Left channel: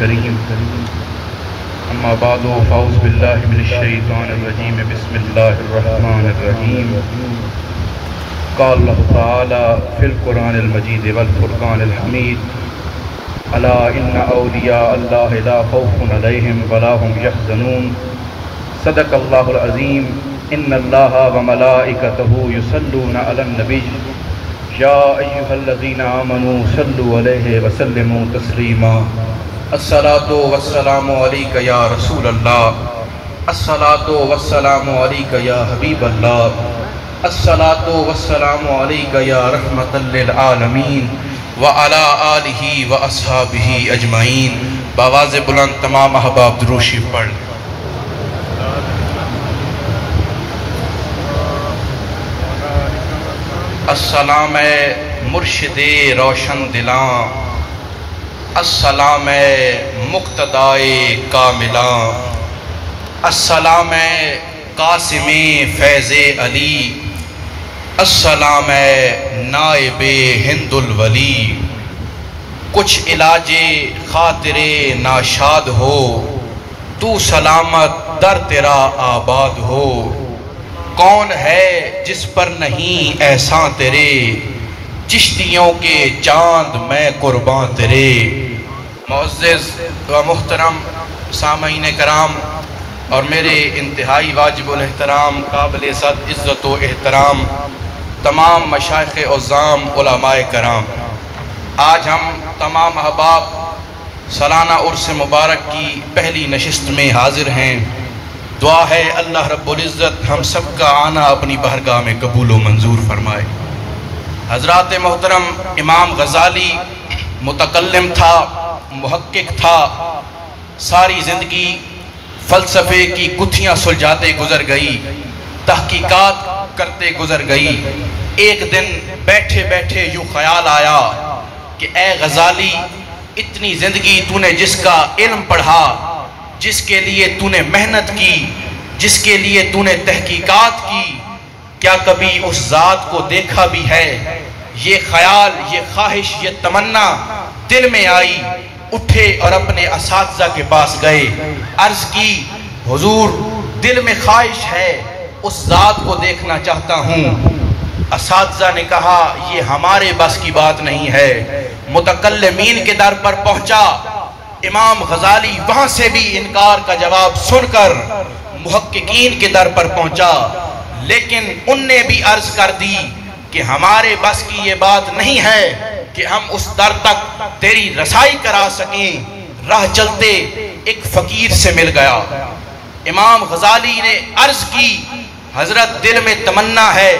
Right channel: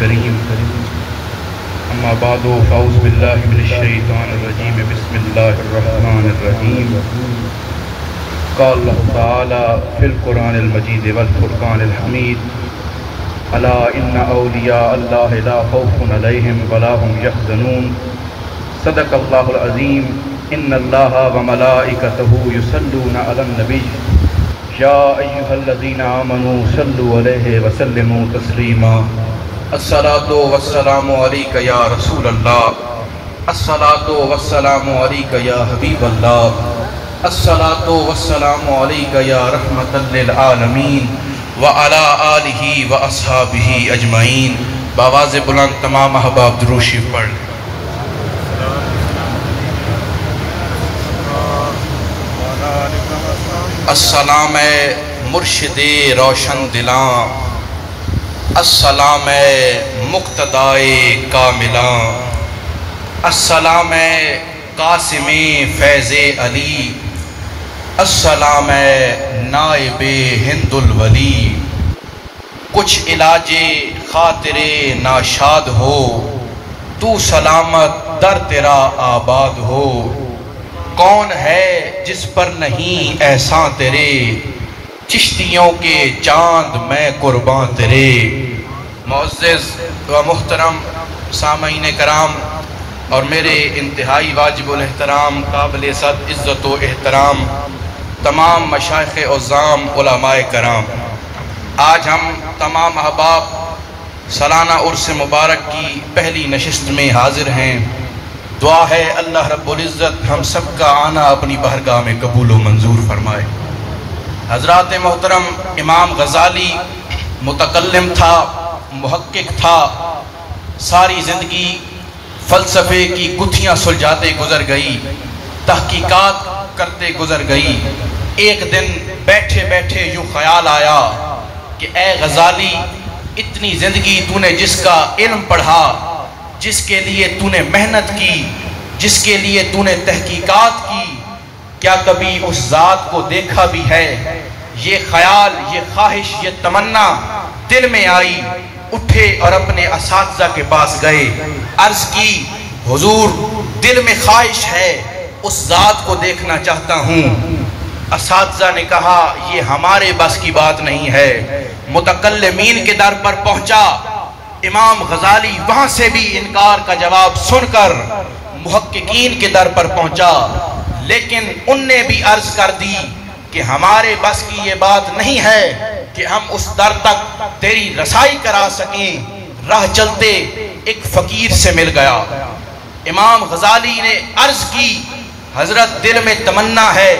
الكريم. أما بعد فأعوذ بالله من الشيطان الرجيم. بسم الله الرحمن الرحيم. قال الله تعالى في القرآن المجيد والفرقان الحميد: ألا إن أولياء الله لا خوف عليهم ولا هم يحزنون. صدق الله العظيم. إن الله وملائكته يصلون على النبي يا أيها الذين آمنوا صلوا عليه وسلموا تسليما. الصلاة والسلام عليك يا رسول الله. الصلاة والسلام عليك يا حبيب الله. الصلاة والسلام عليك يا رحمة للعالمين وعلى آلہ واصحابہ اجمعین. بآواز بلند تمام احباب درود شریف پڑھ. السلام مرشد روشن دلاں، السلام مقتدائے کاملاں، السلام قاسم فیض علی، السلام نائب ہند الولی. کچھ علاج خاطر ناشاد ہو، تو سلامت در تیرا آباد ہو. کون ہے جس پر نہیں احسان تیرے، چشتیوں کے چاند میں قربان تیرے. معزز و محترم سامعین کرام اور میرے انتہائی واجب الاحترام قابل صد عزت و احترام تمام مشائخ عظام علماء کرام، آج ہم تمام احباب سالانہ عرس مبارک کی پہلی نشست میں حاضر ہیں. دعا ہے اللہ رب العزت ہم سب کا آنا اپنی بارگاہ میں قبول و منظور فرمائے. حضرات محترم، امام غزالی متکلم تھا، محقق تھا. ساری زندگی فلسفے کی گتھیاں سلجھاتے گزر گئی، تحقیقات کرتے گزر گئی. ایک دن بیٹھے بیٹھے یوں خیال آیا کہ اے غزالی، اتنی زندگی تو نے جس کا علم پڑھا، جس کے لیے تو نے محنت کی، جس کے لیے تو نے تحقیقات کی، کیا کبھی اس ذات کو دیکھا بھی ہے؟ یہ خیال، یہ خواہش، یہ تمنا دل میں آئی. اٹھے اور اپنے اساتذہ کے پاس گئے، عرض کی حضور دل میں خواہش ہے، اس ذات کو دیکھنا چاہتا ہوں. اساتذہ نے کہا یہ ہمارے بس کی بات نہیں ہے. متکلمین کے در پر پہنچا. امام غزالی وہاں سے بھی انکار کا جواب سن کر محققین کے در پر پہنچا، لیکن ان نے بھی عرض کر دی کہ ہمارے بس کی یہ بات نہیں ہے کہ ہم اس در تک تیری رسائی کرا سکیں. راہ چلتے ایک فقیر سے مل گیا. امام غزالی نے عرض کی حضرت دل میں تمنا ہے،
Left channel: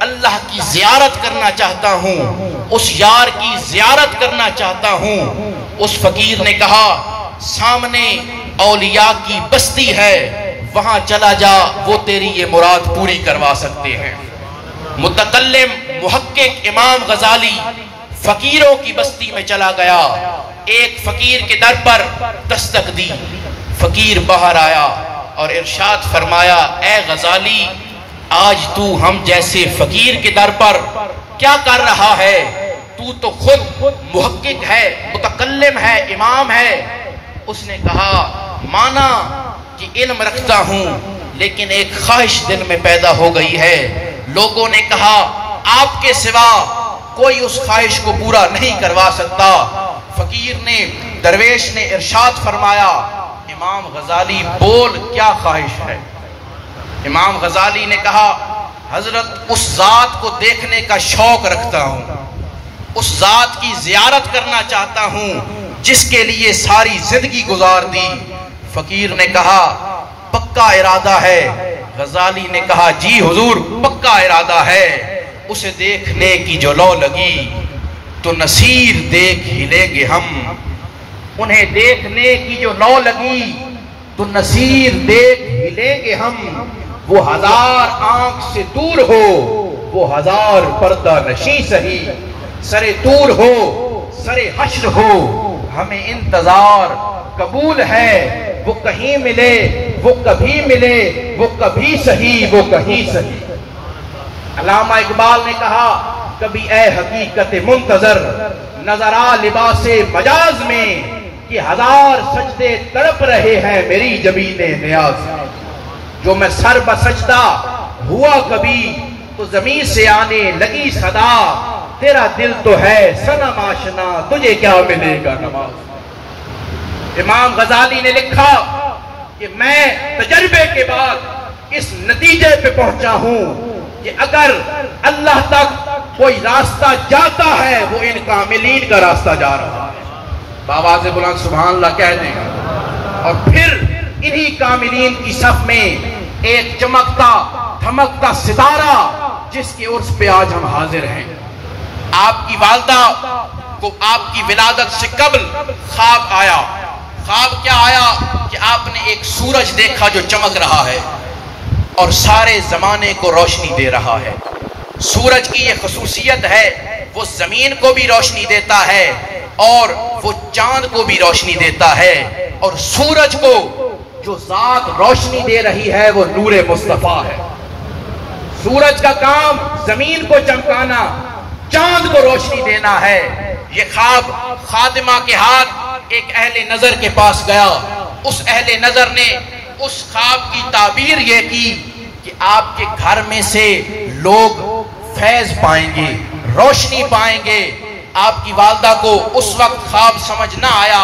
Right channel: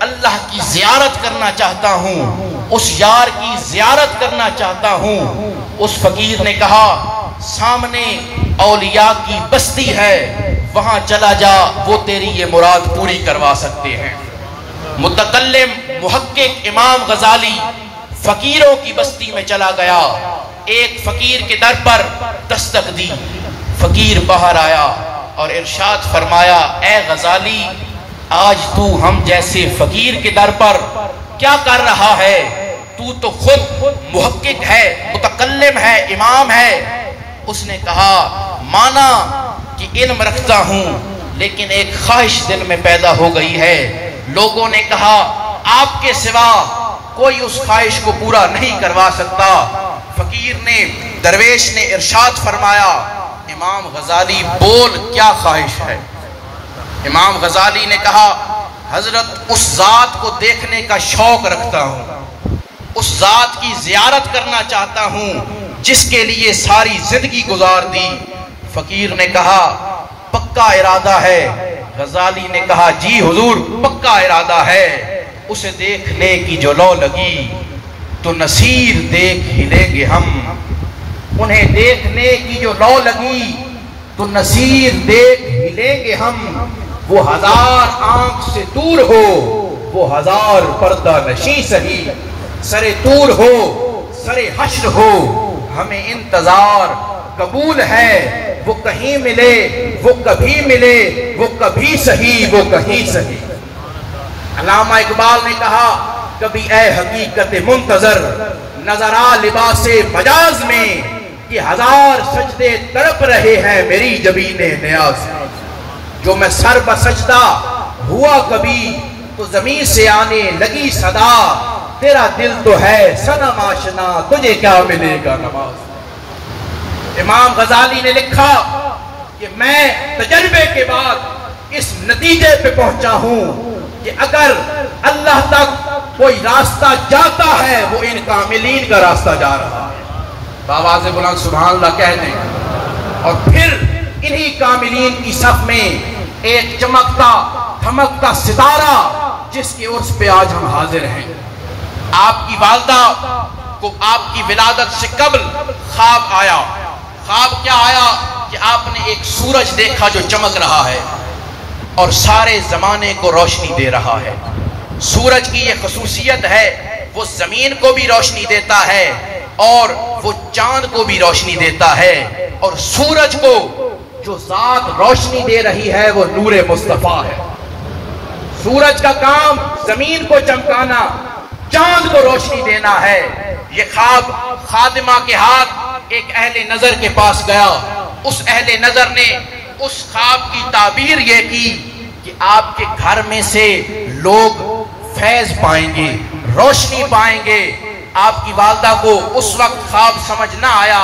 اللہ کی زیارت کرنا چاہتا ہوں، اس یار کی زیارت کرنا چاہتا ہوں. اس فقیر نے کہا سامنے اولیاء کی بستی ہے، وہاں چلا جا، وہ تیری یہ مراد پوری کروا سکتے ہیں. متکلم محقق امام غزالی فقیروں کی بستی میں چلا گیا. ایک فقیر کے در پر دستک دی. فقیر باہر آیا اور ارشاد فرمایا اے غزالی، آج تو ہم جیسے فقیر کے در پر کیا کر رہا ہے؟ تو خود محقق ہے، متکلم ہے، امام ہے. اس نے کہا مانا کہ علم رکھتا ہوں، لیکن ایک خواہش دل میں پیدا ہو گئی ہے. لوگوں نے کہا آپ کے سوا کوئی اس خواہش کو پورا نہیں کروا سکتا. فقیر نے، درویش نے ارشاد فرمایا امام غزالی بول کیا خواہش ہے؟ امام غزالی نے کہا حضرت اس ذات کو دیکھنے کا شوق رکھتا ہوں، اس ذات کی زیارت کرنا چاہتا ہوں جس کے لیے ساری زندگی گزار دی. فقیر نے کہا پکا ارادہ ہے؟ غزالی نے کہا جی حضور پکا ارادہ ہے. اسے دیکھنے کی جو لو لگی تو نصیر دیکھ ہی لیں گے ہم. انہیں دیکھنے کی جو لو لگی تو نصیر دیکھ ہی لیں گے ہم. وہ ہزار آنکھ سے دور ہو، وہ ہزار پردہ نشیں سہی. سرے طور ہو، سرے حشر ہو، ہمیں انتظار قبول ہے. وہ کہیں ملے، وہ کبھی ملے، وہ کبھی سہی، وہ کہیں سہی. علامہ اقبال نے کہا کبھی اے حقیقت منتظر نظر آ لباس مجاز میں، کہ 1000 سجدے تڑپ رہے ہیں میری جبین نیاز، جو میں سر بسجدہ ہوا کبھی تو زمین سے آنے لگی صدا، تیرا دل تو ہے صنم آشنا تجھے کیا ملے گا نماز۔ امام غزالی نے لکھا کہ میں تجربے کے بعد اس نتیجے پہ پہنچا ہوں کہ اگر اللہ تک کوئی راستہ جاتا ہے وہ ان کاملین کا راستہ جا رہا ہے۔ آواز بلند سبحان اللہ کہہ دیں، اور پھر انہی کاملین کی صف میں ایک چمکتا دھمکتا ستارہ جس کے عرس پہ آج ہم حاضر ہیں۔ آپ کی والدہ کو آپ کی ولادت سے قبل خواب آیا۔ خواب کیا آیا کہ آپ نے ایک سورج دیکھا جو چمک رہا ہے اور سارے زمانے کو روشنی دے رہا ہے۔ سورج کی یہ خصوصیت ہے وہ زمین کو بھی روشنی دیتا ہے اور وہ چاند کو بھی روشنی دیتا ہے، اور سورج کو جو ذات روشنی دے رہی ہے وہ نور مصطفیٰ ہے۔ سورج کا کام زمین کو چمکانا، چاند کو روشنی دینا ہے۔ یہ خواب خادمہ کے ہاتھ ایک اہل نظر کے پاس گیا۔ اس اہل نظر نے اس خواب کی تعبیر یہ کی کہ آپ کے گھر میں سے لوگ فیض پائیں گے، روشنی پائیں گے۔ آپ کی والدہ کو اس وقت خواب سمجھ نہ آیا۔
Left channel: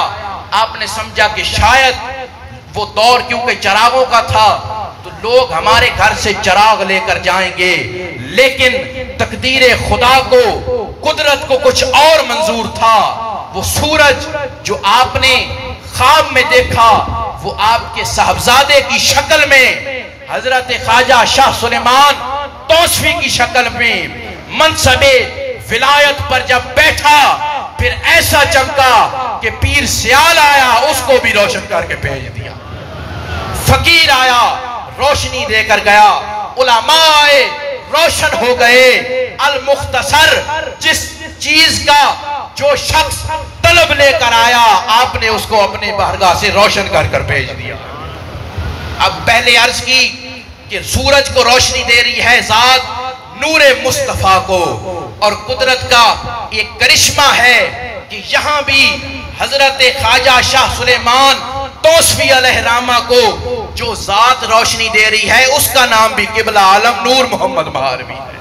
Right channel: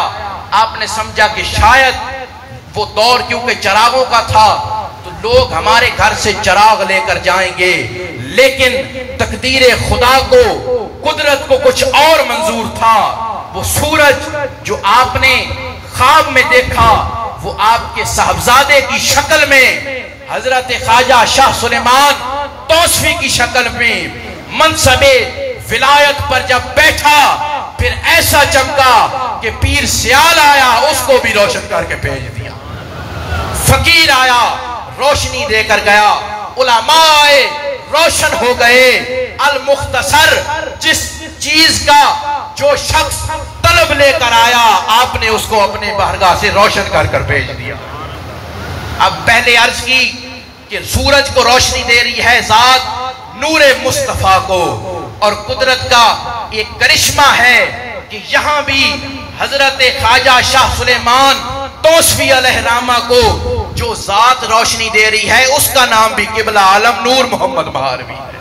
آپ نے سمجھا کہ شاید وہ دور کیونکہ چراغوں کا تھا تو لوگ ہمارے گھر سے چراغ لے کر جائیں گے، لیکن تقدیر خدا کو، قدرت کو کچھ اور منظور تھا۔ وہ سورج جو آپ نے خواب میں دیکھا وہ آپ کے صاحبزادے کی شکل میں، حضرت خواجہ شاہ سلیمان توسفی کی شکل میں منصب ولایت پر جب بیٹھا پھر ایسا چمکا کہ پیر سیال آیا اس کو بھی روشن کر کے بھیج دیا، فقیر آیا روشنی دے کر گیا، علماء آئے روشن ہو گئے۔ المختصر جس چیز کا جو شخص طلب لے کر آیا آپ نے اس کو اپنے بارگاہ سے روشن کر کر بھیج دیا۔ اب پہلے عرض کی کہ سورج کو روشنی دے رہی ہے ذات نور مصطفیٰ کو، اور قدرت کا ایک کرشمہ ہے کہ یہاں بھی حضرت خواجہ شاہ سلیمان توسفی علیہ الرحمہ کو جو ذات روشنی دے رہی ہے اس کا نام بھی قبلہ عالم نور محمد مہاروی ہے۔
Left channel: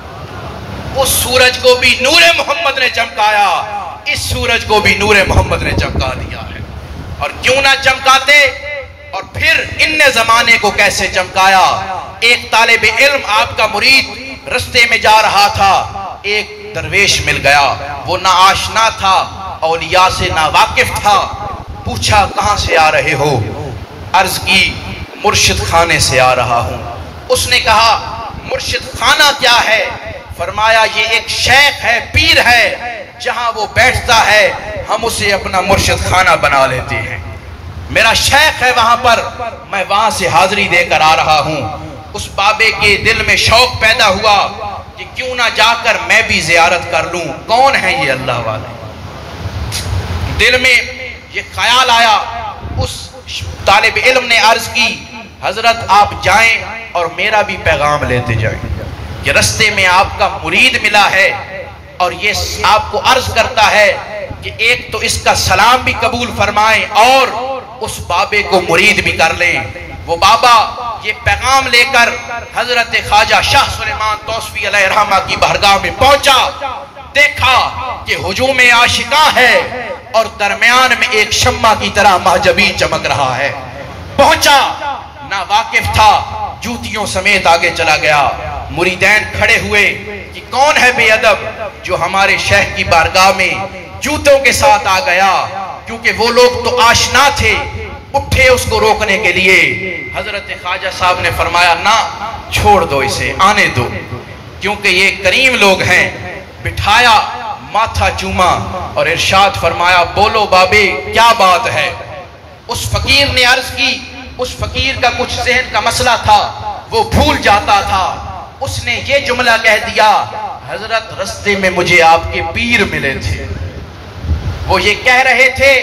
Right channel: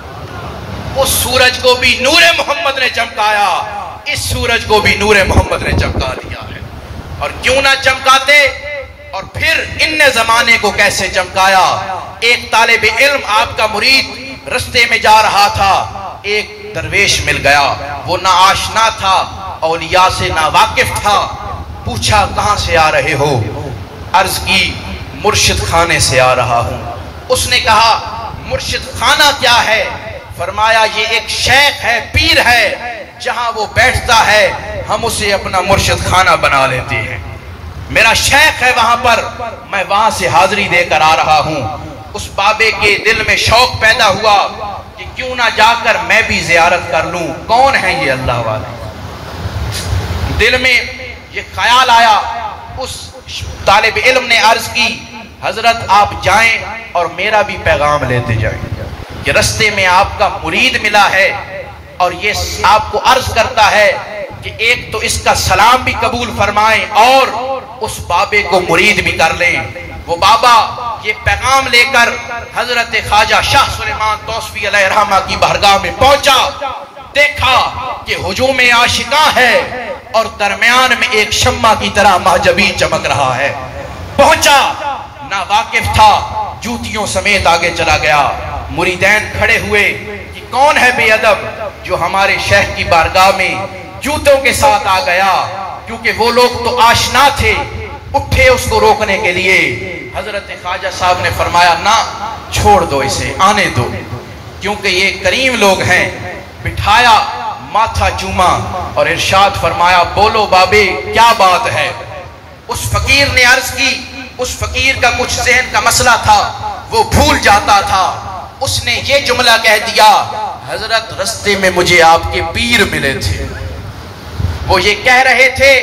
اس سورج کو بھی نور محمد نے چمکایا، اس سورج کو بھی نور محمد نے چمکا دیا ہے۔ اور کیوں نہ چمکاتے، اور پھر ان نے زمانے کو کیسے چمکایا۔ ایک طالب علم آپ کا مرید رستے میں جا رہا تھا، ایک درویش مل گیا، وہ نہ آشنا تھا، اولیاء سے نہ واقف تھا۔ پوچھا کہاں سے آ رہے ہو؟ عرض کی مرشد خانے سے آ رہا ہوں۔ اس نے کہا مرشد خانہ کیا ہے؟ فرمایا یہ ایک شیخ ہے، پیر ہے، جہاں وہ بیٹھتا ہے ہم اسے اپنا مرشد خانہ بنا لیتے ہیں۔ میرا شیخ ہے وہاں پر، میں وہاں سے حاضری دے کر آ رہا ہوں۔ اس بابے کے دل میں شوق پیدا ہوا کہ کیوں نہ جا کر میں بھی زیارت کر لوں، کون ہے یہ اللہ والے؟ دل میں یہ خیال آیا۔ اس طالب علم نے عرض کی حضرت آپ جائیں اور میرا بھی پیغام لیتے جائیں کہ رستے میں آپ کا مرید ملا ہے اور یہ آپ کو عرض کرتا ہے کہ ایک تو اس کا سلام بھی قبول فرمائیں اور اس بابے کو مرید بھی کر لیں۔ وہ بابا یہ پیغام لے کر حضرت خواجہ شاہ سلیمان توسفی علیہ الرحمہ کی بارگاہ میں پہنچا، دیکھا کہ ہجوم عاشقاں ہے اور درمیان میں ایک شمع کی طرح محجبی چمک رہا ہے۔ پہنچا، نہ واقف تھا، جوتیوں سمیت آگے چلا گیا۔ مریدین کھڑے ہوئے کہ کون ہے بے ادب جو ہمارے شیخ کی بارگاہ میں جوتوں کے ساتھ آ گیا، کیونکہ وہ لوگ تو آشنا تھے، اٹھے اس کو روکنے کے لیے۔ حضرت خواجہ صاحب نے فرمایا نہ، چھوڑ دو اسے، آنے دو، کیونکہ یہ کریم لوگ ہیں۔ بٹھایا، ماتھا چوما اور ارشاد فرمایا بولو بابے کیا بات ہے؟ اس فقیر نے عرض کی، اس فقیر کا کچھ ذہن کا مسئلہ تھا، وہ بھول جاتا تھا۔ اس نے یہ جملہ کہہ دیا حضرت رستے میں مجھے آپ کے پیر ملے تھے، وہ یہ کہہ رہے تھے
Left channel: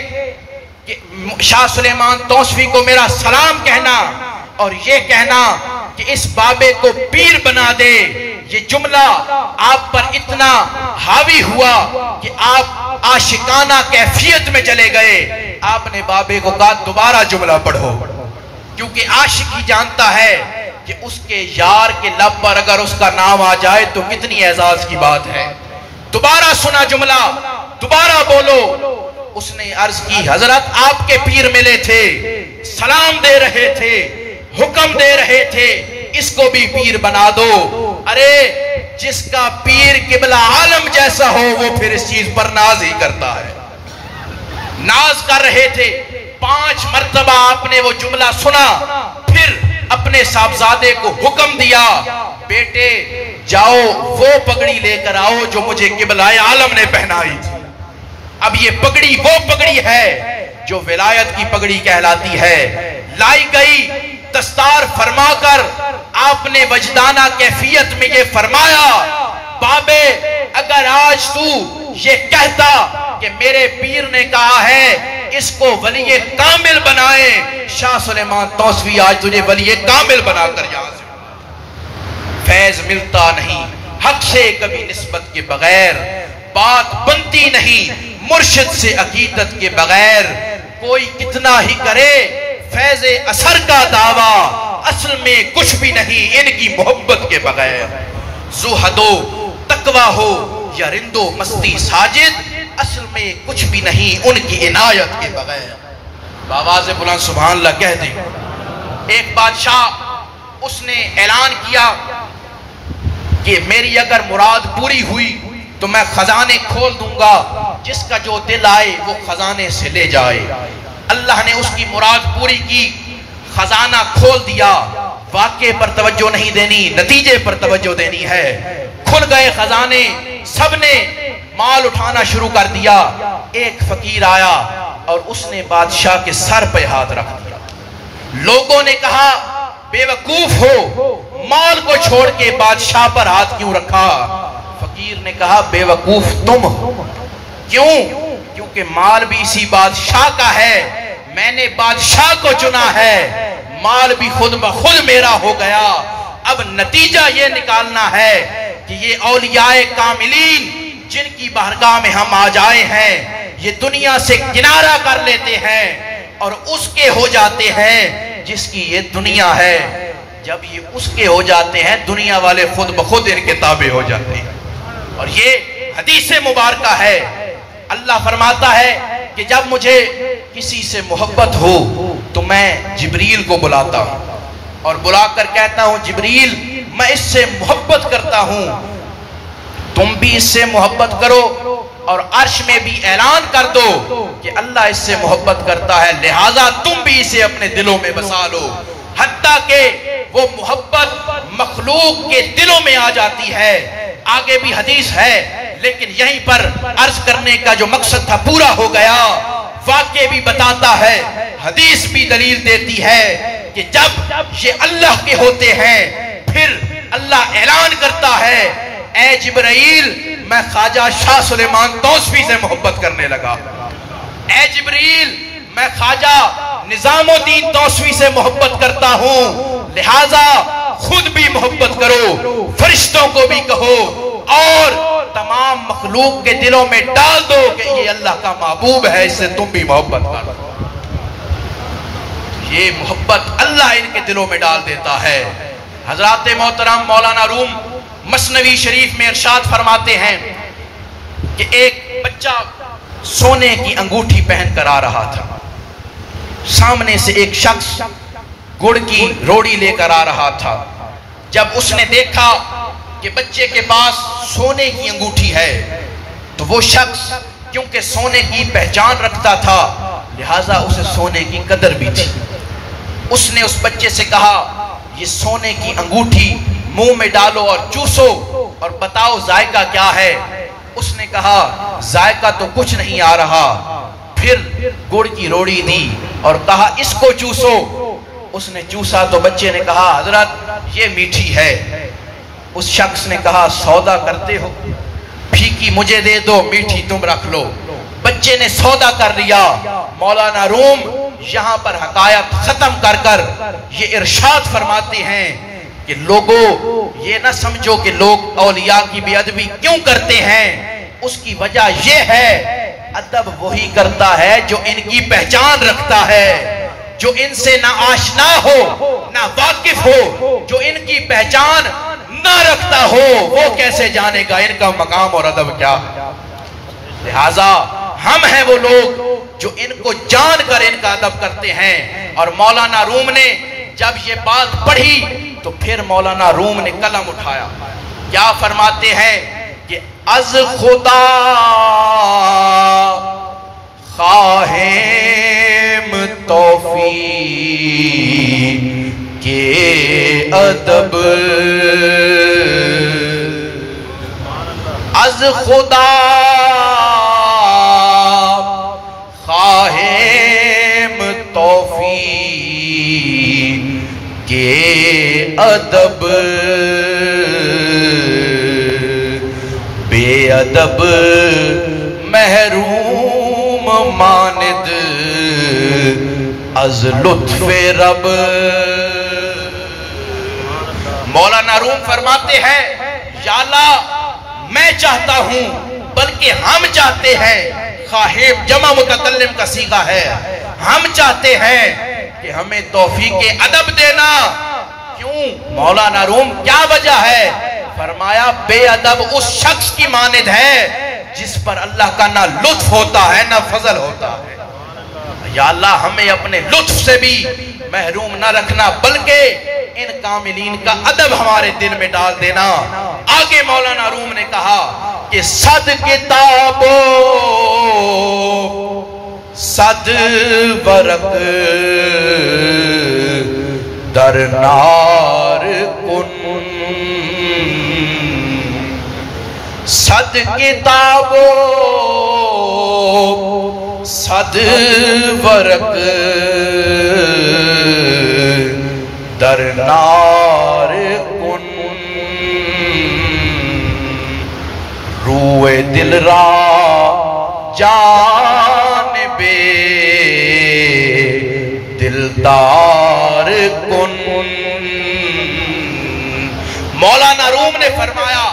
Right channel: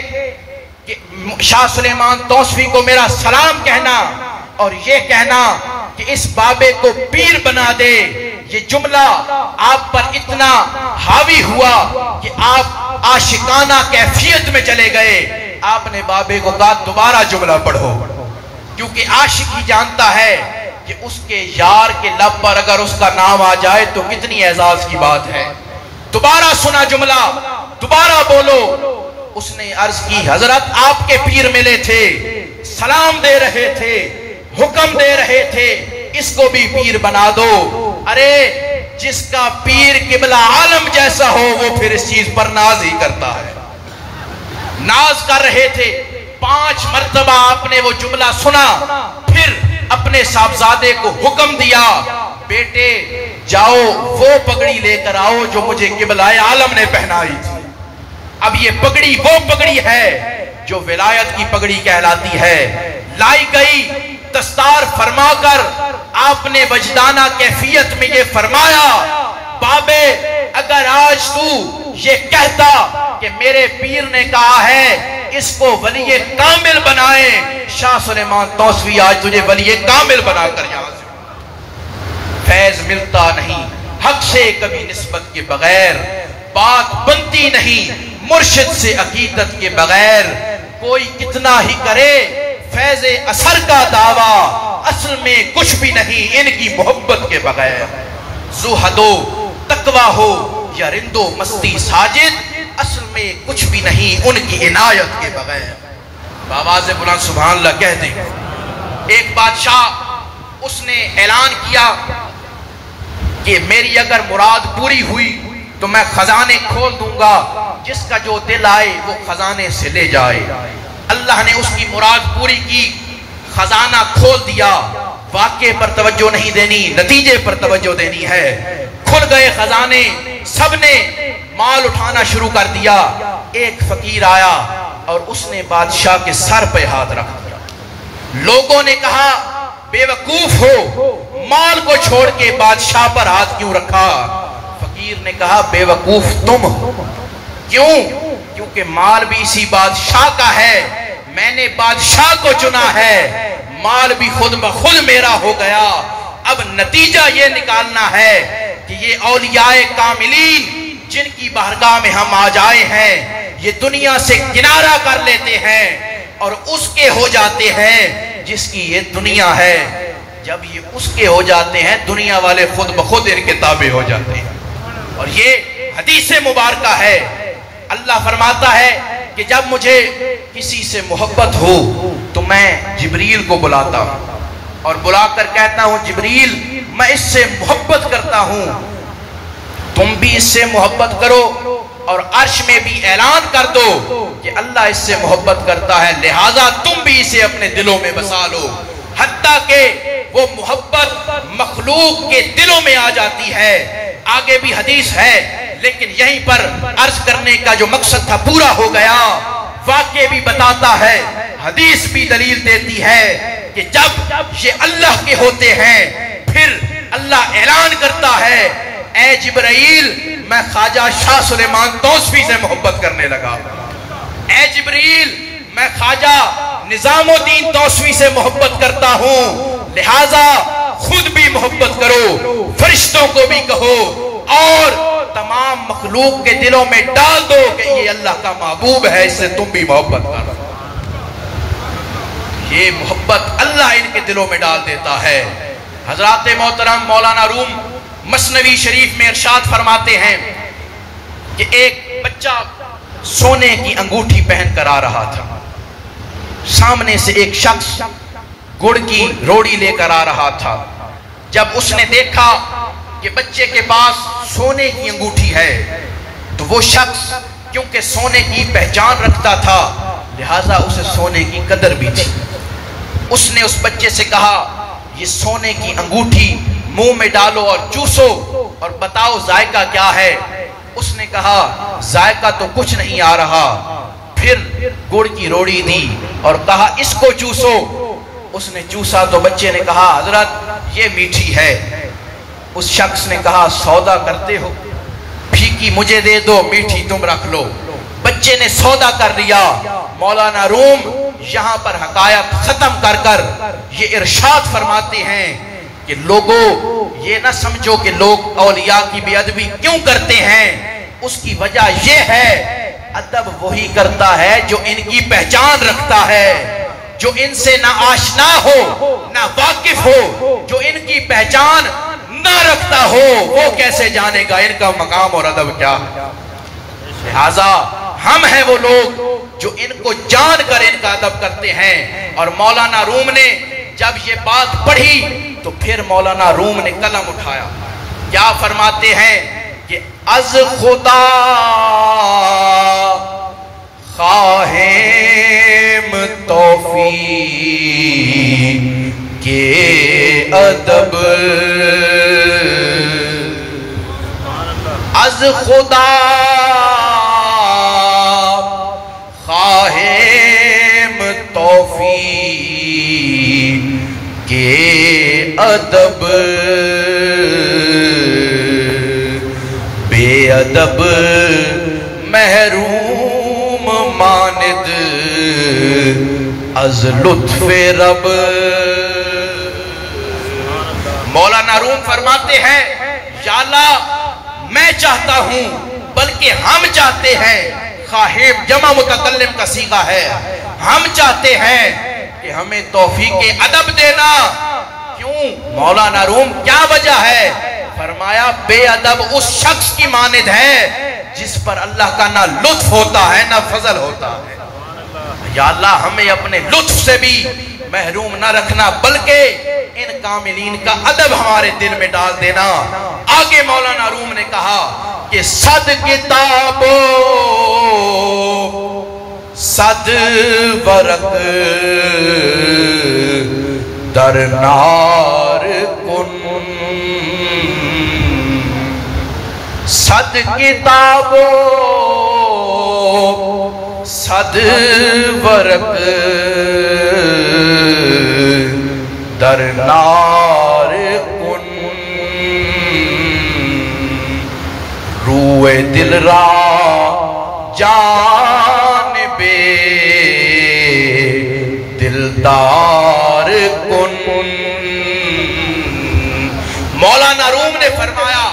کہ شاہ سلیمان توسفی کو میرا سلام کہنا اور یہ کہنا کہ اس بابے کو پیر بنا دے۔ یہ جملہ آپ پر اتنا حاوی ہوا کہ آپ عاشقانہ کیفیت میں چلے گئے۔ آپ نے بابے کو کہا دوبارہ جملہ پڑھو، کیونکہ عاشق ہی جانتا ہے کہ اس کے یار کے لب پر اگر اس کا نام آ جائے تو کتنی اعزاز کی بات ہے۔ دوبارہ سنا جملہ، دوبارہ بولو۔ اس نے عرض کی حضرت آپ کے پیر ملے تھے، سلام دے رہے تھے، حکم دے رہے تھے اس کو بھی پیر بنا دو۔ ارے جس کا پیر قبلہ عالم جیسا ہو وہ پھر اس چیز پر ناز ہی کرتا ہے۔ ناز کر رہے تھے، 5 مرتبہ آپ نے وہ جملہ سنا، پھر اپنے صاحبزادے کو حکم دیا بیٹے جاؤ وہ پگڑی لے کر آؤ جو مجھے قبلہ عالم نے پہنائی تھی۔ اب یہ پگڑی وہ پگڑی ہے جو ولایت کی پگڑی کہلاتی ہے۔ لائی گئی، دستار فرما کر آپ نے وجدانہ کیفیت میں یہ فرمایا بابے اگر آج تو یہ کہتا کہ میرے پیر نے کہا ہے اس کو ولی کامل بنائیں، شاہ سلیمان توسوی آج تجھے ولی کامل بنا کر یہاں سے فیض ملتا نہیں۔ حق سے کبھی نسبت کے بغیر بات بنتی نہیں، مرشد سے عقیدت کے بغیر کوئی کتنا ہی کرے فیض اثر کا دعویٰ اصل میں کچھ بھی نہیں ان کی محبت کے بغیر۔ زہد و تقویٰ ہو یا رندو مستی ساجد اصل میں کچھ بھی نہیں ان کی عنایت کے بغیر۔ بآواز بلند سبحان اللہ کہہ دیں۔ ایک بادشاہ اس نے اعلان کیا کہ میری اگر مراد پوری ہوئی تو میں خزانے کھول دوں گا، جس کا جو دل آئے وہ خزانے سے لے جائے۔ اللہ نے اس کی مراد پوری کی، خزانہ کھول دیا۔ واقعے پر توجہ نہیں دینی، نتیجے پر توجہ دینی ہے۔ کھل گئے خزانے، سب نے مال اٹھانا شروع کر دیا۔ ایک فقیر آیا اور اس نے بادشاہ کے سر پہ ہاتھ رکھ دیا۔ لوگوں نے کہا بے وقوف ہو، مال کو چھوڑ کے بادشاہ پر ہاتھ کیوں رکھا؟ فقیر نے کہا بے وقوف تم ہو۔ کیوں؟ کیونکہ مال بھی اسی بادشاہ کا ہے، میں نے بادشاہ کو چنا ہے، مال بھی خود بخود میرا ہو گیا۔ اب نتیجہ یہ نکالنا ہے کہ یہ اولیاء کاملین جن کی بارگاہ میں ہم آ جائے ہیں یہ دنیا سے کنارہ کر لیتے ہیں اور اس کے ہو جاتے ہیں جس کی یہ دنیا ہے۔ جب یہ اس کے ہو جاتے ہیں دنیا والے خود بخود ان کے تابع ہو جاتے ہیں۔ اور یہ حدیث مبارکہ ہے، اللہ فرماتا ہے کہ جب مجھے کسی سے محبت ہو تو میں جبریل کو بلاتا ہوں اور بلا کر کہتا ہوں جبریل میں اس سے محبت کرتا ہوں، تم بھی اس سے محبت کرو اور عرش میں بھی اعلان کر دو کہ اللہ اس سے محبت کرتا ہے، لہٰذا تم بھی اسے اپنے دلوں میں بسا لو۔ حتیٰ کہ وہ محبت مخلوق کے دلوں میں آ جاتی ہے۔ آگے بھی حدیث ہے لیکن یہیں پر عرض کرنے کا جو مقصد تھا پورا ہو گیا۔ واقعہ بھی بتاتا ہے، حدیث بھی دلیل دیتی ہے کہ جب یہ اللہ کے ہوتے ہیں پھر اللہ اعلان کرتا ہے اے جبرائیل میں خواجہ شاہ سلیمان توسوی سے محبت کرنے لگا، اے جبرائیل میں خواجہ نظام الدین توسوی سے محبت کرتا ہوں، لہٰذا خود بھی محبت کرو، فرشتوں کو بھی کہو اور تمام مخلوق کے دلوں میں ڈال دو کہ یہ اللہ کا محبوب ہے، اس سے تم بھی محبت کرو۔ یہ محبت اللہ ان کے دلوں میں ڈال دیتا ہے۔ حضرات محترم مولانا روم مثنوی شریف میں ارشاد فرماتے ہیں کہ ایک بچہ سونے کی انگوٹھی پہن کر آ رہا تھا، سامنے سے ایک شخص گڑ کی روڑی لے کر آ رہا تھا۔ جب اس نے دیکھا کہ بچے کے پاس سونے کی انگوٹھی ہے تو وہ شخص کیونکہ سونے کی پہچان رکھتا تھا لہٰذا اسے سونے کی قدر بھی تھی۔ اس نے اس بچے سے کہا یہ سونے کی انگوٹھی منہ میں ڈالو اور چوسو اور بتاؤ ذائقہ کیا ہے۔ اس نے کہا ذائقہ تو کچھ نہیں آ رہا۔ پھر گڑ کی روڑی دی اور کہا اس کو چوسو۔ اس نے چوسا تو بچے نے کہا حضرت یہ میٹھی ہے۔ اس شخص نے کہا سودا کرتے ہو، پھیکی مجھے دے دو میٹھی تم رکھ لو۔ بچے نے سودا کر لیا۔ مولانا روم یہاں پر حقائق ختم کر کر یہ ارشاد فرماتے ہیں کہ لوگوں یہ نہ سمجھو کہ لوگ اولیاء کی بے ادبی کیوں کرتے ہیں، اس کی وجہ یہ ہے ادب وہی کرتا ہے جو ان کی پہچان رکھتا ہے، جو ان سے نہ آشنا ہو نہ واقف ہو، جو ان کی پہچان نہ رکھتا ہو وہ کیسے جانے گا ان کا مقام اور ادب کیا۔ لہذا ہم ہیں وہ لوگ جو ان کو جان کر ان کا ادب کرتے ہیں۔ اور مولانا روم نے جب یہ بات پڑھی تو پھر مولانا روم نے قلم اٹھایا، کیا فرماتے ہیں کہ از خدا خواہیم توفیق کے ادب، از خدا خواہیم توفیق کے ادب، بے ادب محروم ماند از لطف رب۔ مولانا روم فرماتے ہیں یا اللہ میں چاہتا ہوں بلکہ ہم چاہتے ہیں، خواہیم جمع متکلم کا صیغہ ہے، ہم چاہتے ہیں کہ ہمیں توفیق ادب دینا۔ کیوں مولانا روم کیا وجہ ہے؟ فرمایا بے ادب اس شخص کی مانند ہے جس پر اللہ کا نہ لطف ہوتا ہے نہ فضل ہوتا ہے۔ یا اللہ ہمیں اپنے لطف سے بھی محروم نہ رکھنا بلکہ ان کاملین کا ادب ہمارے دل میں ڈال دینا۔ آگے مولانا روم نے کہا کہ صد کتابو صد ورق در نار کن، صد کتابو صد ورق در نار کن، روئے دل را جانب دلدار کن۔ مولانا روم نے فرمایا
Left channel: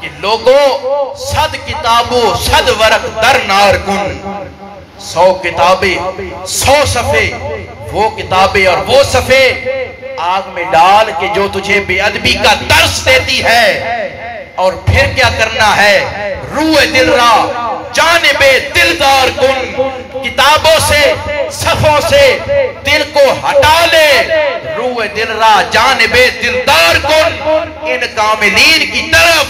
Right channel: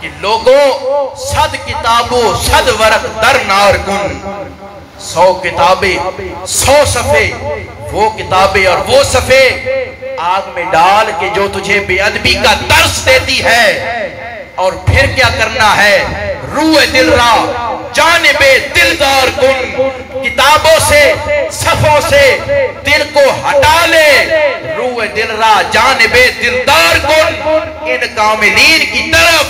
کہ لوگوں صد کتابوں صد ورق در نار کن، 100 کتابیں 100 صفحے وہ کتابیں اور وہ صفحے آگ میں ڈال کے جو تجھے بے ادبی کا درس دیتی ہے۔ اور پھر کیا کرنا ہے؟ روح دل را جانب دلدار کن، کتابوں سے صفوں سے دل کو ہٹا لے، روح دل را جانب دلدار کن، ان کاملین کی طرف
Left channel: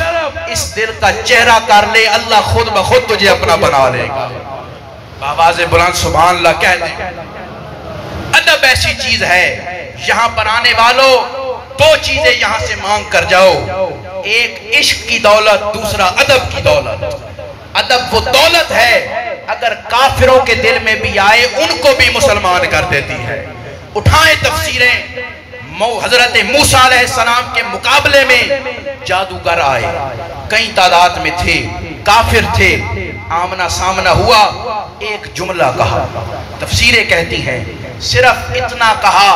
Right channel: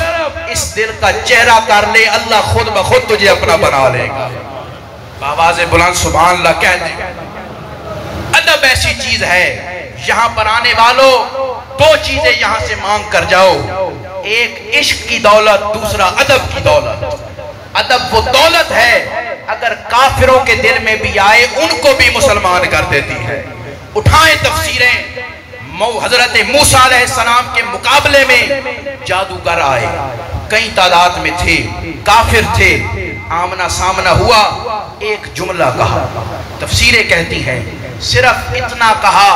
اس دل کا چہرہ کر لے، اللہ خود بخود تجھے اپنا بنا لے گا۔ آواز بلند سبحان اللہ کہہ دیں۔ ادب ایسی چیز ہے یہاں پر آنے والوں 2 چیزیں یہاں سے مانگ کر جاؤ، ایک عشق کی دولت، دوسرا ادب کی دولت۔ ادب وہ دولت ہے اگر کافروں کے دل میں بھی آئے ان کو بھی مسلمان کر دیتی ہے۔ اٹھائیں تفسیریں، حضرت موسیٰ علیہ السلام کے مقابلے میں جادوگر آئے، کئی تعداد میں تھے، کافر تھے، آمنا سامنا ہوا، ایک جملہ کہا، تفسیریں کہتی ہیں صرف اتنا کہا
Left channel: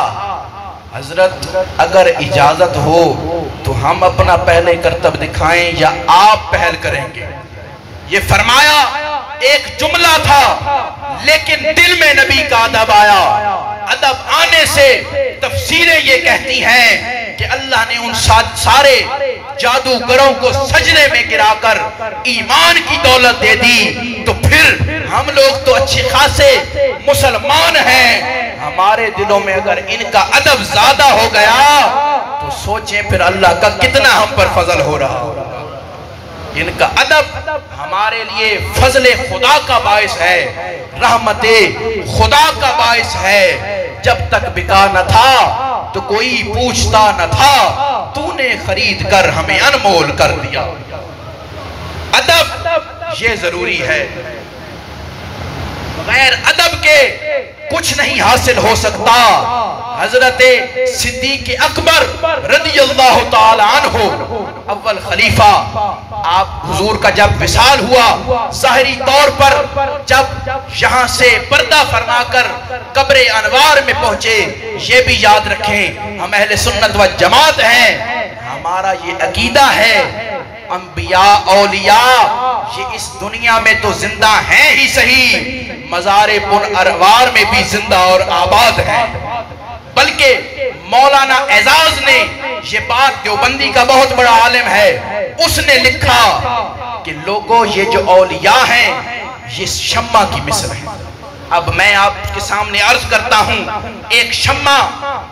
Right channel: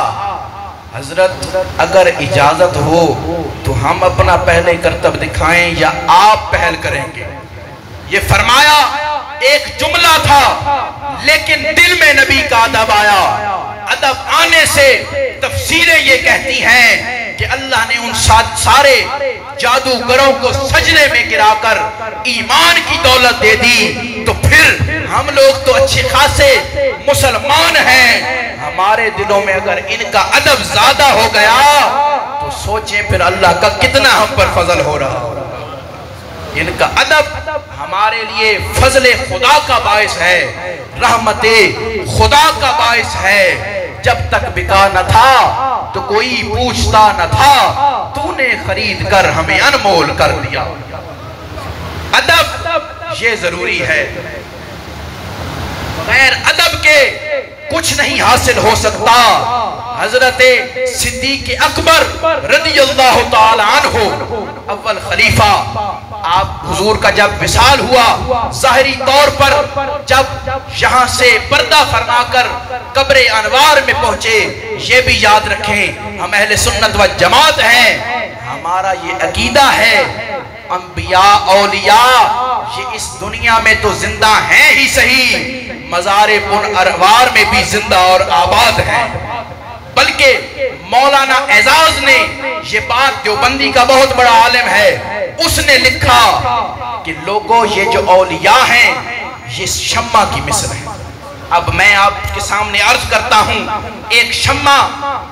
حضرت اگر اجازت ہو تو ہم اپنا پہلے کرتب دکھائیں یا آپ پہل کریں گے۔ یہ فرمایا ایک جملہ تھا لیکن دل میں نبی کا ادب آیا۔ ادب آنے سے تفسیریں یہ کہتی ہیں کہ اللہ نے ان سارے جادوگروں کو سجدے میں گرا کر ایمان کی دولت دے دی، تو پھر ہم لوگ تو اچھے خاصے مسلمان ہیں، ہمارے دلوں میں اگر ان کا ادب زیادہ ہو گیا تو سوچیں پھر اللہ کا کتنا ہم پر فضل ہو رہا ہوگا۔ ان کا ادب ہمارے لیے فضل خدا کا باعث ہے، رحمت خدا کا باعث ہے۔ جب تک بکا نہ تھا تو کوئی پوچھتا نہ تھا، تو نے خرید کر ہمیں انمول کر دیا۔ ادب یہ ضروری ہے، بغیر ادب کے کچھ نہیں حاصل ہو سکتا۔ حضرت صدیق اکبر رضی اللہ تعالی عنہ اول خلیفہ، آپ حضور کا جب وصال ہوا ظاہری طور پر، جب یہاں سے پردہ فرما کر قبر انوار میں پہنچے، یہ بھی یاد رکھیں ہم اہل سنت و جماعت ہیں، ہمارا یہ عقیدہ ہے انبیاء اولیاء یہ اس دنیا میں تو زندہ ہیں ہی صحیح، مزار پن اروار میں بھی زندہ اور آباد ہیں۔ بلکہ مولانا اعزاز نے، یہ بات دیوبندی کا بہت بڑا عالم ہے، اس نے لکھا کہ لوگوں یہ جو اولیاء ہیں یہ شمع کی مثل ہے۔ اب میں آپ کے سامنے عرض کرتا ہوں، ایک شمع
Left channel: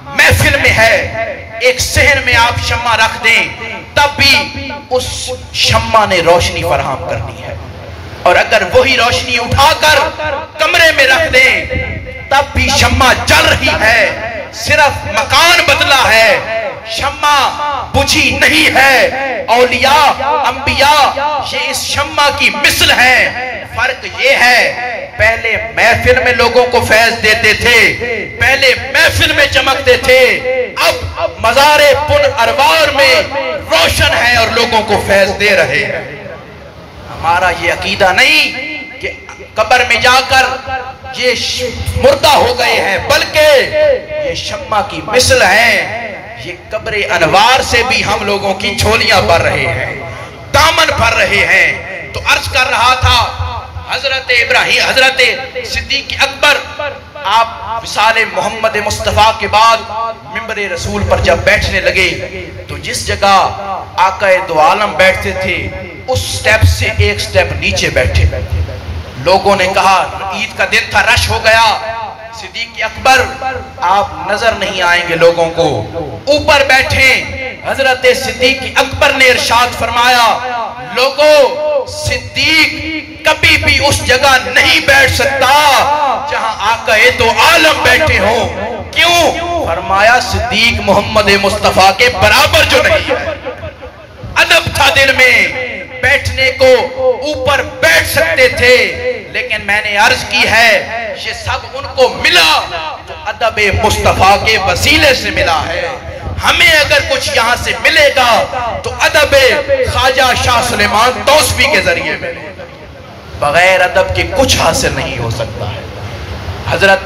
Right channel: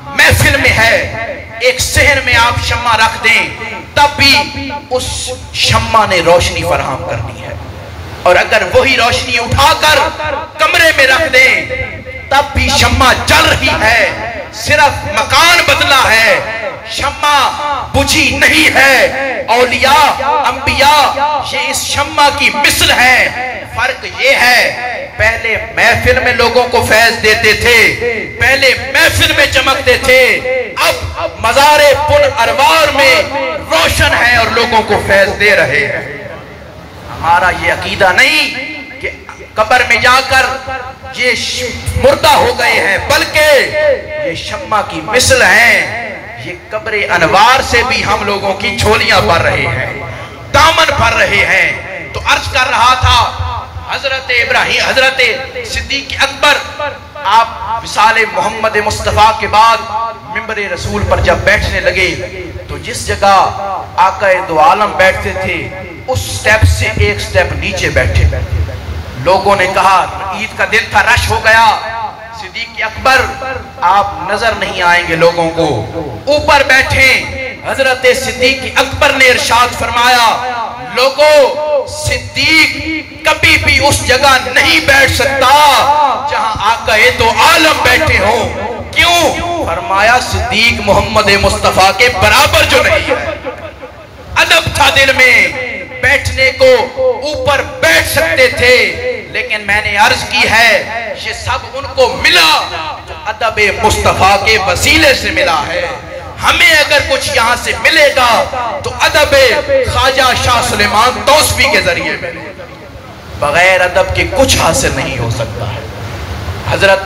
محفل میں ہے، ایک صحن میں آپ شمع رکھ دیں تب بھی اس شمع نے روشنی فراہم کرنی ہے، اور اگر وہی روشنی اٹھا کر کمرے میں رکھ دیں تب بھی شمع جل رہی ہے، صرف مکان بدلا ہے، شمع بجھی نہیں ہے۔ اولیاء انبیاء یہ اس شمع کی مثل ہے، فرق یہ ہے پہلے محفل میں لوگوں کو فیض دیتے تھے، پہلے محفل میں چمکتے تھے، اب مزار پن اروار میں روشن ہے اور لوگوں کو فیض دے رہے ہیں۔ ہمارا یہ عقیدہ نہیں کہ قبر میں جا کر یہ مردہ ہو گئے ہیں، بلکہ یہ شمع کی مثل ہیں، یہ قبر انوار سے بھی ہم لوگوں کی جھولیاں بھر رہے ہیں، دامن بھر رہے ہیں۔ تو عرض کر رہا تھا حضرت ابراہیم، حضرت صدیق اکبر، آپ وصال محمد مصطفیٰ کے بعد منبر رسول پر جب بیٹھنے لگے تو جس جگہ آقا دو عالم بیٹھتے تھے اس سٹیپ سے ایک سٹیپ نیچے بیٹھے۔ لوگوں نے کہا عید کا دن تھا، رش ہو گیا، صدیق اکبر آپ نظر نہیں آئیں گے لوگوں کو، اوپر بیٹھیں۔ حضرت صدیق اکبر نے ارشاد فرمایا، لوگوں صدیق کبھی بھی اس جگہ نہیں بیٹھ سکتا جہاں آقا دو عالم بیٹھے ہوں۔ کیوں؟ فرمایا صدیق محمد مصطفیٰ کے برابر جو نہیں ہے۔ ادب تھا دل میں، بیٹھنے کو اوپر بیٹھ سکتے تھے، لیکن میں نے عرض کی ہے یہ سب ان کو ملا تو ادب مصطفیٰ کے وسیلے سے ملا ہے۔ ہمیں اگر کچھ یہاں سے ملے گا تو ادب خواجہ شاہ سلیمان توسفی کے ذریعے، بغیر ادب کے کچھ حاصل نہیں ہو سکتا ہے۔ حضرت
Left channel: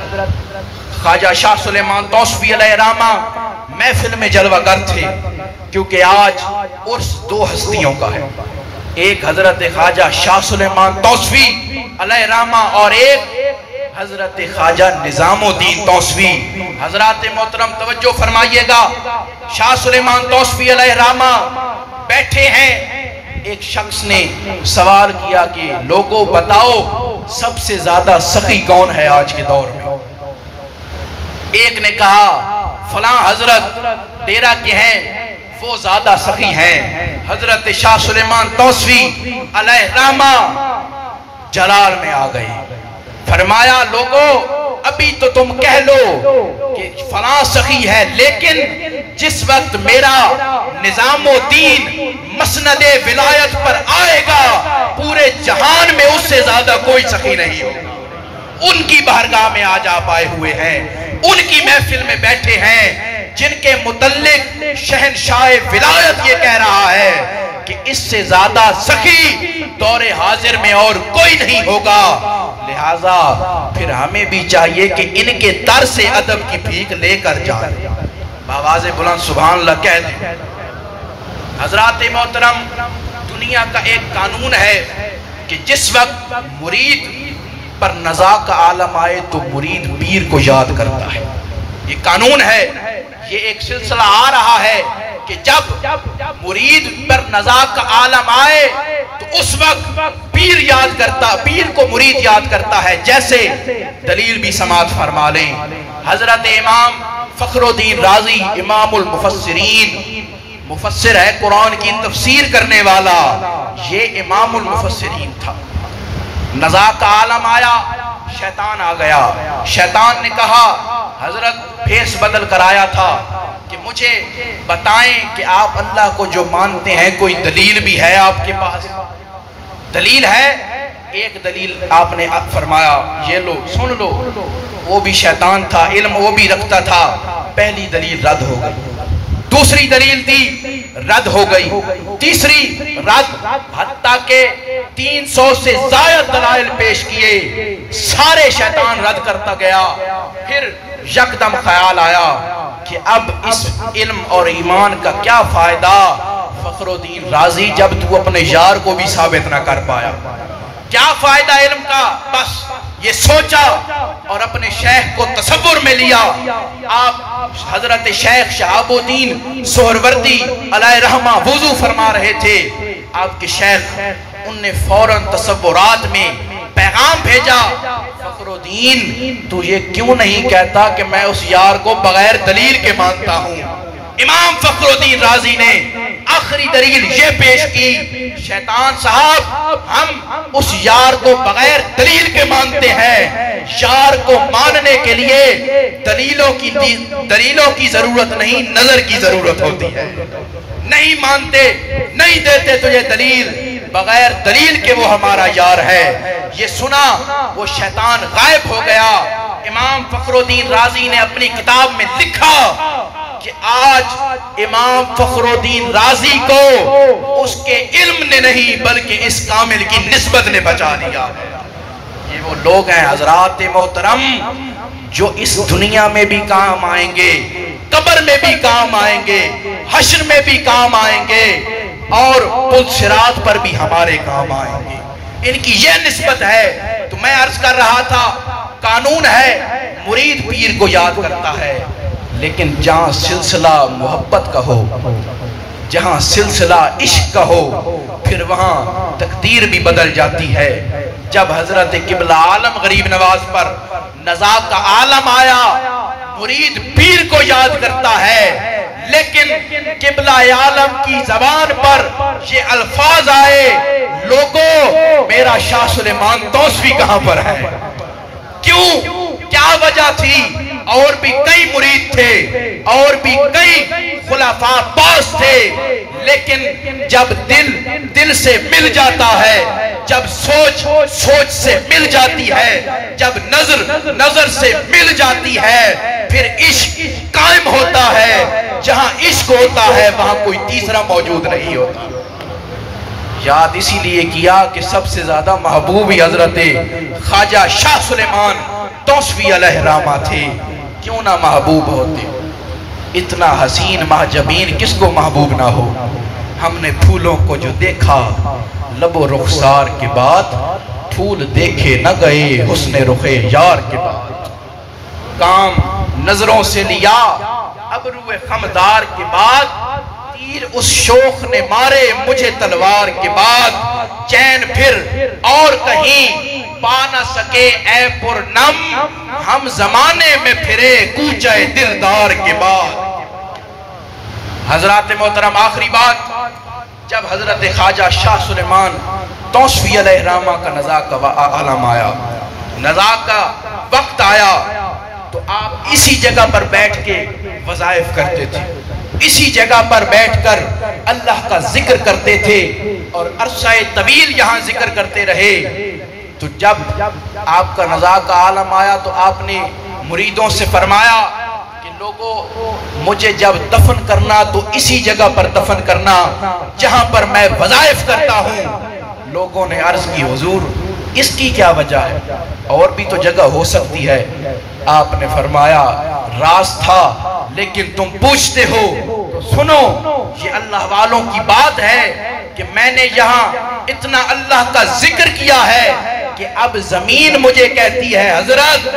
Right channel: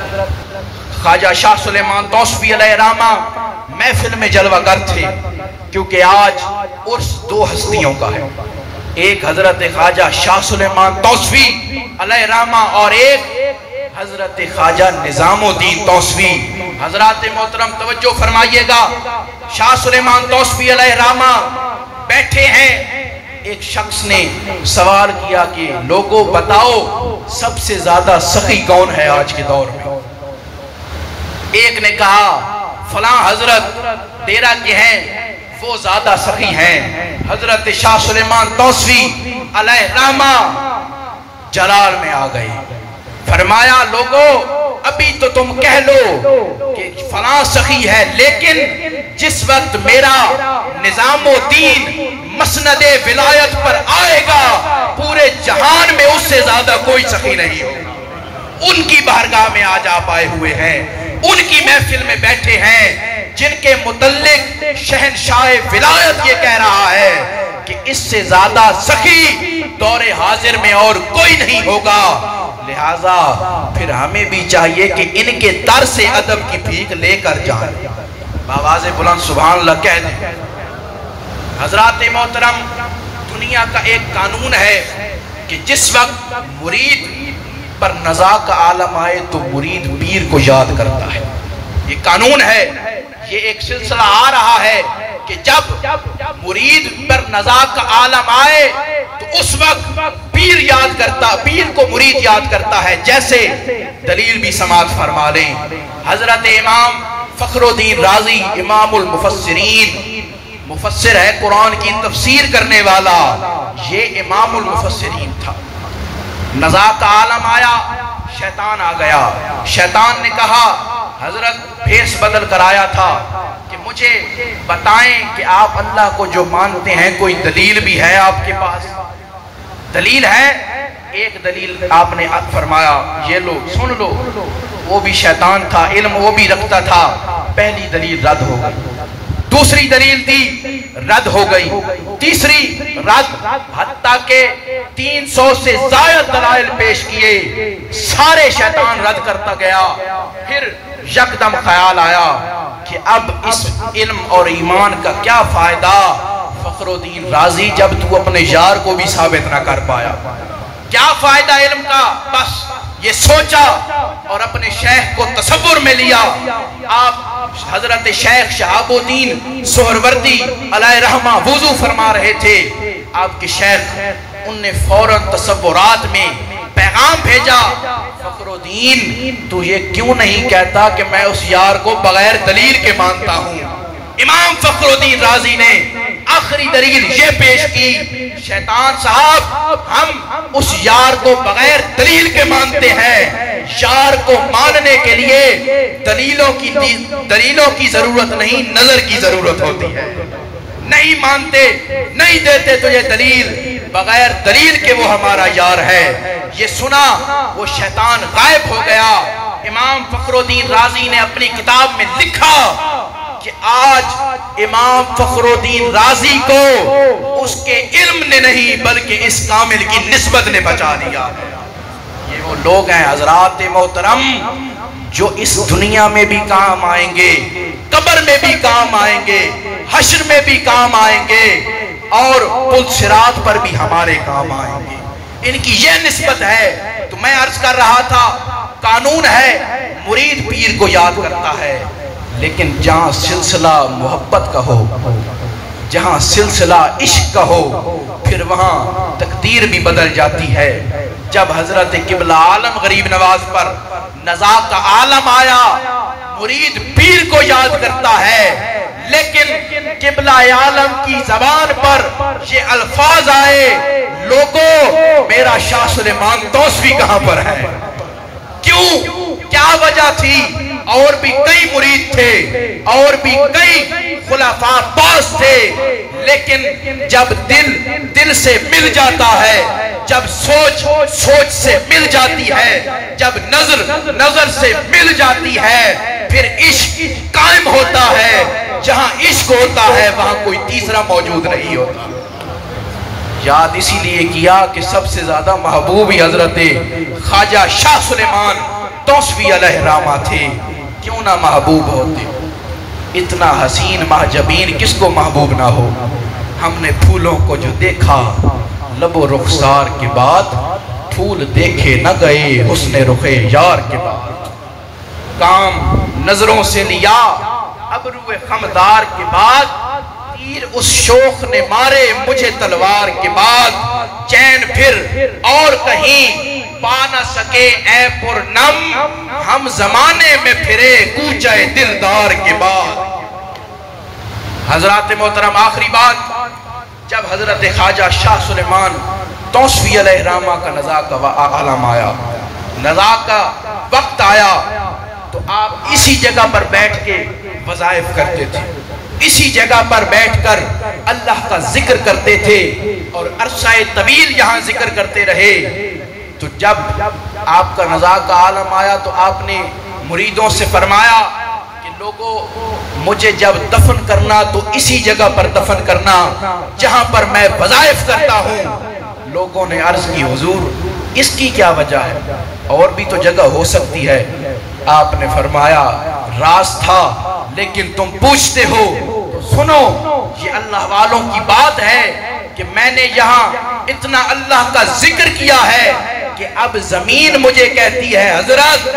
خواجہ شاہ سلیمان توسفی علیہ رحمہ محفل میں جلوہ گر تھے، کیونکہ آج عرس دو ہستیوں کا ہے، ایک حضرت خواجہ شاہ سلیمان توسفی علیہ رحمہ اور ایک حضرت خواجہ نظام الدین توسفی۔ حضرات محترم توجہ فرمائیے گا، شاہ سلیمان توسفی علیہ رحمہ بیٹھے ہیں، ایک شخص نے سوال کیا کہ لوگوں بتاؤ سب سے زیادہ سخی کون ہے آج کے دور میں؟ ایک نے کہا فلاں حضرت ڈیرہ کے ہیں وہ زیادہ سخی ہیں۔ حضرت شاہ سلیمان توسفی علیہ رحمہ جلال میں آ گئے، فرمایا لوگوں ابھی تو تم کہہ لو کہ فلاں سخی ہے، لیکن جس وقت میرا نظام الدین مسند ولایت پر آئے گا پورے جہان میں اس سے زیادہ کوئی سخی نہیں ہوگا۔ ان کی بارگاہ میں آج آپ آئے ہوئے ہیں، ان کی محفل میں بیٹھے ہیں جن کے متعلق شہنشاہ ولایت یہ کہہ رہا ہے کہ اس سے زیادہ سخی دور حاضر میں اور کوئی نہیں ہوگا۔ لہٰذا پھر ہمیں بھی چاہیے کہ ان کے در سے ادب کی بھیک لے کر جائیں، بآواز بلند سبحان اللہ کہہ دیں۔ حضرات محترم، دنیا کا ایک قانون ہے کہ جس وقت مرید پر نزاع کا عالم آئے تو مرید پیر کو یاد کرتا ہے، یہ قانون ہے۔ یہ ایک سلسلہ آ رہا ہے کہ جب مرید پر نزاع کا عالم آئے تو اس وقت پیر یاد کرتا، پیر کو مرید یاد کرتا ہے۔ جیسے دلیل بھی سماعت فرما لیں، حضرت امام فخر الدین رازی امام المفسرین، مفسر ہے قرآن کی تفسیر کرنے والا، یہ امام المفسرین تھا۔ نزاع کا عالم آیا، شیطان آ گیا، شیطان نے کہا حضرت بھیس بدل کر آیا تھا کہ مجھے بتائیں کہ آپ اللہ کو جو مانتے ہیں کوئی دلیل بھی ہے آپ کے پاس؟ دلیل ہے؟ ایک دلیل آپ نے فرمایا یہ لو سن لو، وہ بھی شیطان تھا، علم وہ بھی رکھتا تھا، پہلی دلیل رد ہو گئی، دوسری دلیل دی رد ہو گئی، تیسری رد، حتیٰ کہ 300 سے زائد دلائل پیش کیے، سارے شیطان رد کرتا گیا۔ پھر یکدم خیال آیا کہ اب اس علم اور ایمان کا کیا فائدہ، فخر الدین رازی جب تو اپنے یار کو بھی ثابت نہ کر پایا؟ کیا فائدہ علم کا؟ بس یہ سوچا اور اپنے شیخ کو تصور میں لیا. آپ حضرت شیخ شہاب الدین سہروردی علیہ رحمہ وضو فرما رہے تھے. آپ کے شیخ ان نے فوراً تصورات میں پیغام بھیجا، فخر الدین تو یہ کیوں نہیں کہتا کہ میں اس یار کو بغیر دلیل کے مانتا ہوں؟ امام فخر الدین رازی نے آخری دلیل یہ پیش کی، شیطان صاحب ہم اس یار کو بغیر دلیل کے مانتے ہیں. یار کو ماننے کے لیے دلیلوں کی ضرورت نہیں، نظر کی ضرورت ہوتی ہے. نہیں مانتے، نہیں دیتے تو یہ دلیل، بغیر دلیل کے وہ ہمارا یار ہے. یہ سنا وہ شیطان غائب ہو گیا. امام فخر الدین رازی نے اپنی کتاب میں لکھا کہ آج امام فخر الدین رازی کو اس کے علم نے نہیں بلکہ اس کامل کی نسبت نے بچا دیا. یہ وہ لوگ ہیں حضرات محترم جو اس دنیا میں بھی کام آئیں گے، قبر میں بھی کام آئیں گے، حشر میں بھی کام آئیں گے اور پل صراط پر بھی ہمارے کام آئیں گے. ان کی یہ نسبت ہے. تو میں عرض کر رہا تھا قانون ہے مرید پیر کو یاد کرتا ہے، لیکن جہاں سلسلہ محبت کا ہو، جہاں سلسلہ عشق کا ہو، پھر وہاں تقدیر بھی بدل جاتی ہے. جب حضرت قبلہ عالم غریب نواز پر نزاع کا عالم آیا، مرید پیر کو یاد کرتا ہے، لیکن قبلہ عالم کی زبان پر یہ الفاظ آئے، لوگوں میرا شاہ سلیمان توسوی کہاں پر ہے؟ کیوں؟ کیا وجہ تھی؟ اور بھی کئی مرید تھے اور بھی کئی خلفاء باز تھے، لیکن جب دل سے مل جاتا ہے، جب سوچ سے مل جاتی ہے، جب نظر سے مل جاتی ہے، پھر عشق قائم ہوتا ہے. جہاں عشق ہوتا ہے وہاں کوئی تیسرا موجود نہیں ہوتا. یاد اسی لیے کیا کہ سب سے زیادہ محبوب ہی حضرت خواجہ شاہ سلیمان توسوی علیہ رحمہ تھے. کیوں نہ محبوب ہوتے؟ اتنا حسین محجبین کس کو محبوب نہ ہو؟ ہم نے پھولوں کو جو دیکھا لب و رخسار کے بعد، پھول دیکھے نہ گئے حسن رخ یار کے بعد. کام نظروں سے لیا ابرو خمدار کے بعد، تیر اس شوخ نے مارے مجھے تلوار کے بعد. چین پھر اور کہیں پا نہ سکے اے پرنم، ہم زمانے میں پھرے کوچہ دلدار کے بعد. حضرات محترم آخری بات، جب حضرت خواجہ شاہ سلیمان توسوی علیہ رحمہ کا نزاع کا عالم آیا، نزاع کا وقت آیا، تو آپ اسی جگہ پر بیٹھ کے وظائف کرتے تھے، اسی جگہ پر بیٹھ کر اللہ کا ذکر کرتے تھے اور عرصہ طویل یہاں ذکر کرتے رہے. تو جب آپ کا نزاع کا عالم آیا تو آپ نے مریدوں سے فرمایا کہ لوگوں مجھے جب دفن کرنا تو اسی جگہ پر دفن کرنا جہاں پر میں وظائف کرتا ہوں. لوگوں نے عرض کی حضور اس کی کیا وجہ ہے؟ اور بھی تو جگہ ہو سکتی ہے. آپ نے فرمایا راز تھا لیکن تم پوچھتے ہو تو سنو. یہ اللہ والوں کی بات ہے کہ میں نے یہاں اتنا اللہ کا ذکر کیا ہے کہ اب زمین مجھے کہتی ہے حضرت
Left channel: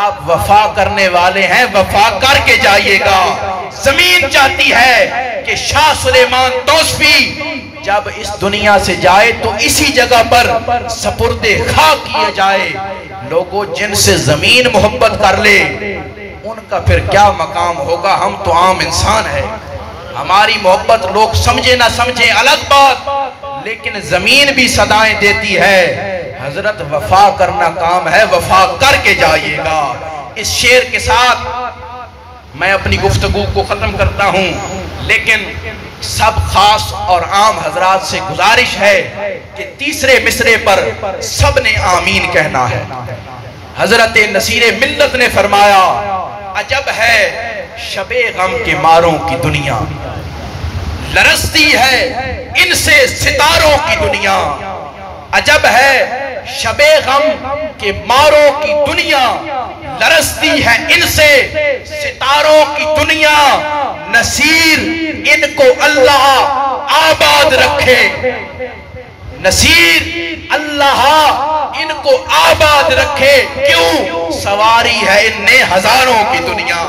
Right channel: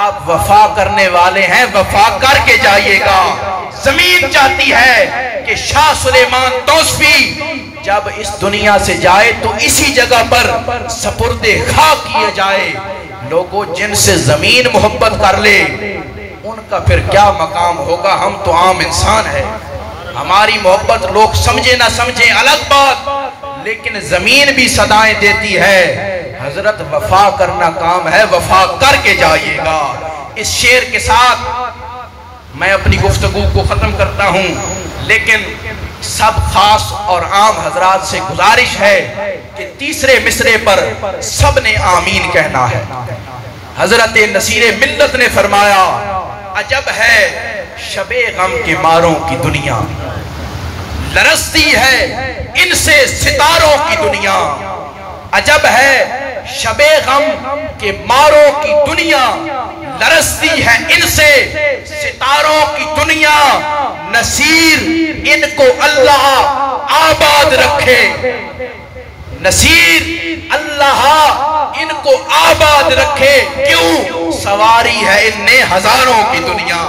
آپ وفا کرنے والے ہیں، وفا کر کے جائیے گا. زمین چاہتی ہے کہ شاہ سلیمان توسوی جب اس دنیا سے جائے تو اسی جگہ پر سپرد خاک کیے جائے. لوگوں جن سے زمین محبت کر لے ان کا پھر کیا مقام ہوگا؟ ہم تو عام انسان ہیں، ہماری محبت لوگ سمجھے نہ سمجھے الگ بات، لیکن زمین بھی صدائیں دیتی ہے حضرت وفا کرنا کام ہے، وفا کر کے جائیے گا. اس شعر کے ساتھ میں اپنی گفتگو کو ختم کرتا ہوں، لیکن سب خاص اور عام حضرات سے گزارش ہے کہ تیسرے مصرے پر سب نے آمین کہنا ہے. حضرت نصیر ملت نے فرمایا عجب ہے شب غم کے ماروں کی دنیا، لرزتی ہے ان سے ستاروں کی دنیا. عجب ہے شب غم کے ماروں کی دنیا، لرزتی ہے ان سے ستاروں کی دنیا. نصیر ان کو اللہ آباد رکھے، نصیر اللہ ان کو آباد رکھے، کیوں؟ سواری ہے ان نے ہزاروں کی دنیا۔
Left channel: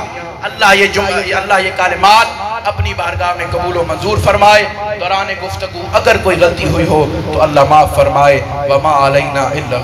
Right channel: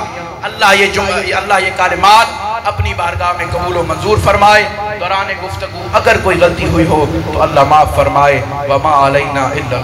اللہ یہ کلمات اپنی بارگاہ میں قبول و منظور فرمائے۔ دوران گفتگو اگر کوئی غلطی ہوئی ہو تو اللہ معاف فرمائے۔ وما علینا الا